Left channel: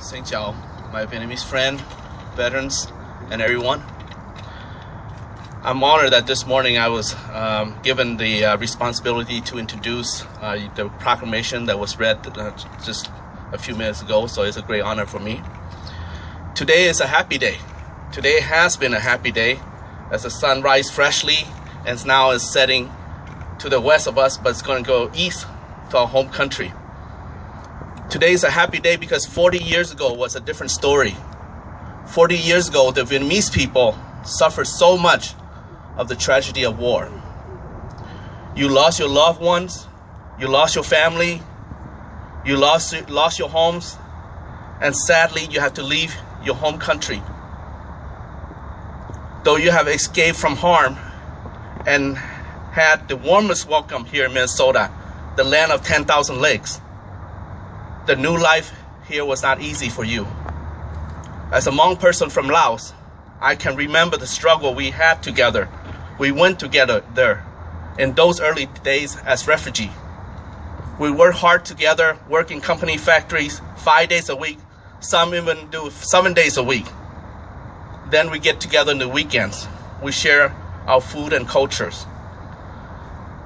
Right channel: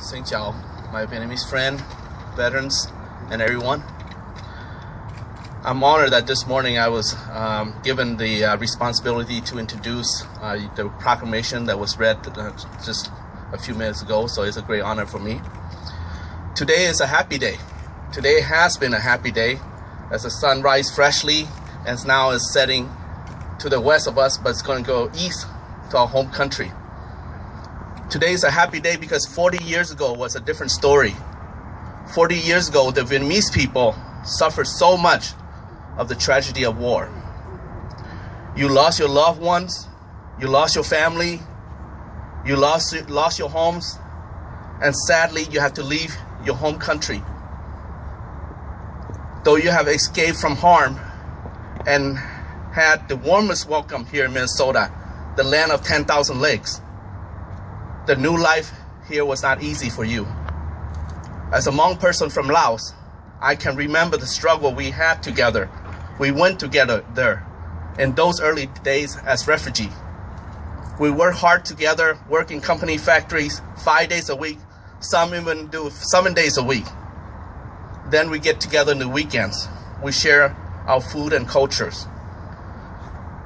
Xin chào, my Vietnamese friend, veterans, and everyone. I'm honored that this morning I was given the responsibility to introduce the proclamation that was read just a few minutes ago, so it's a great honor for me. Today is a happy day. Today has been a happy day as the sun rises freshly and now is setting to the west of us, but it's going to go east to our home country. Today is a happy day because 40 years ago was a different story. 40 years ago, the Vietnamese people suffered so much of the tragedy of war. You lost your loved ones, you lost your family, you lost your homes, and sadly, you have to leave your home country. Though you have escaped from harm and had the warmest welcome here in Minnesota, the land of 10,000 lakes, the new life here was not easy for you. As a Hmong person from Laos, I can remember the struggle we had together. We went together there in those early days as refugees. We worked hard together, work in company factories 5 days a week, some even do 7 days a week. Then we get together in the weekends. We share our food and cultures.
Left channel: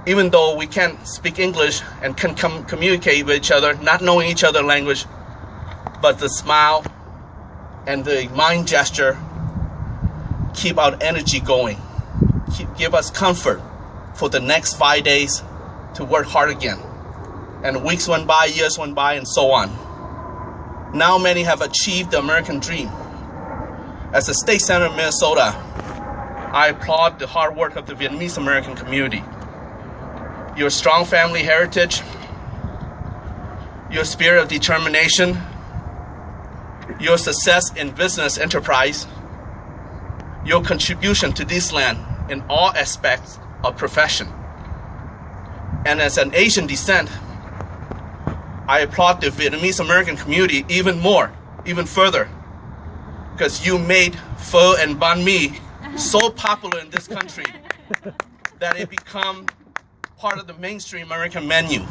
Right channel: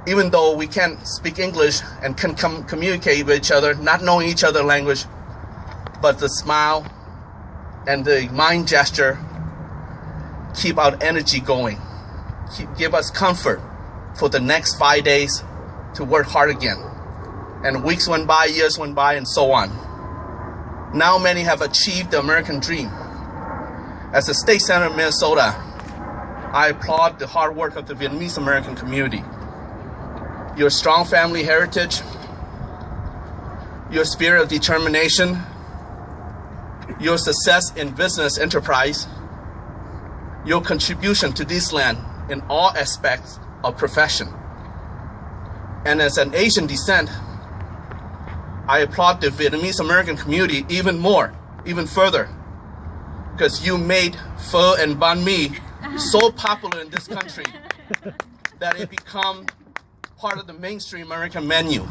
Even though we can't speak English and can communicate with each other, not knowing each other's language, but the smile and the mind gesture keep our energy going, give us comfort for the next 5 days to work hard again. And weeks went by, years went by, and so on. Now many have achieved the American dream. As a state senator of Minnesota, I applaud the hard work of the Vietnamese American community. Your strong family heritage, your spirit of determination, your success in business enterprise, your contribution to this land in all aspects of profession. And as an Asian descent, I applaud the Vietnamese American community even more, even further, because you made Pho and Bunmi so popular in this country that it became part of the mainstream American menu.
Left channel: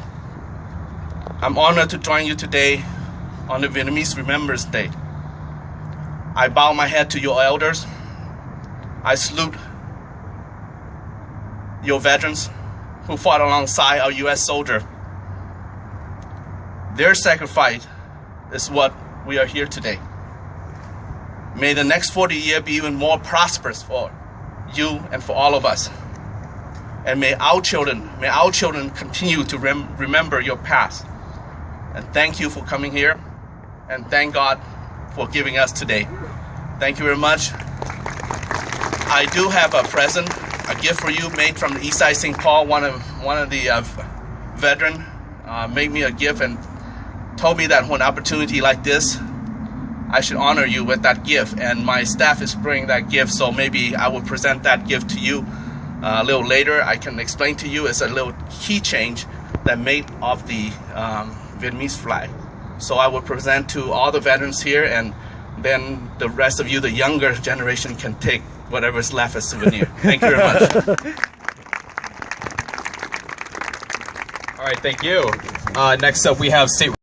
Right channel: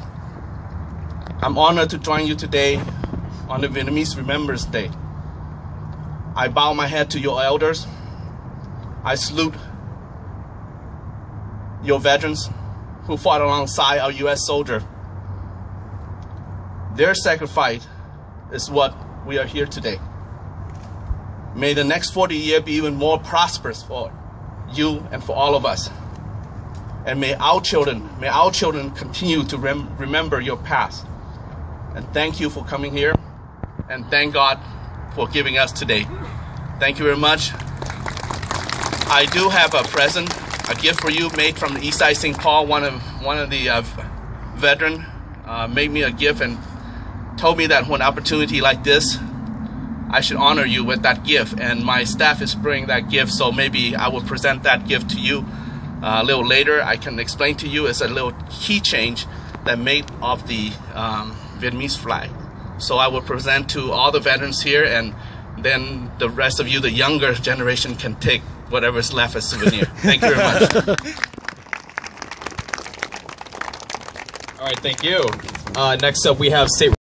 I'm honored to join you today on the Vietnamese Remembrance Day. I bow my head to your elders. I salute your veterans who fought alongside our U.S. soldiers. Their sacrifice is what we are here today. May the next 40 years be even more prosperous for you and for all of us. And may our children continue to remember your past. And thank you for coming here. And thank God for giving us today. Thank you very much. I do have a present, a gift for you made from the East Side St. Paul. One of the veterans made me a gift and told me that when an opportunity like this, I should honor you with that gift. And my staff is bringing that gift, so maybe I will present that gift to you a little later. I can explain to you. It's a little key change that made of the Vietnamese flag. So I will present to all the veterans here, and then the rest of you, the younger generation, can take whatever is left as souvenir. Thank you very much. All right, thank you. Next up, we have State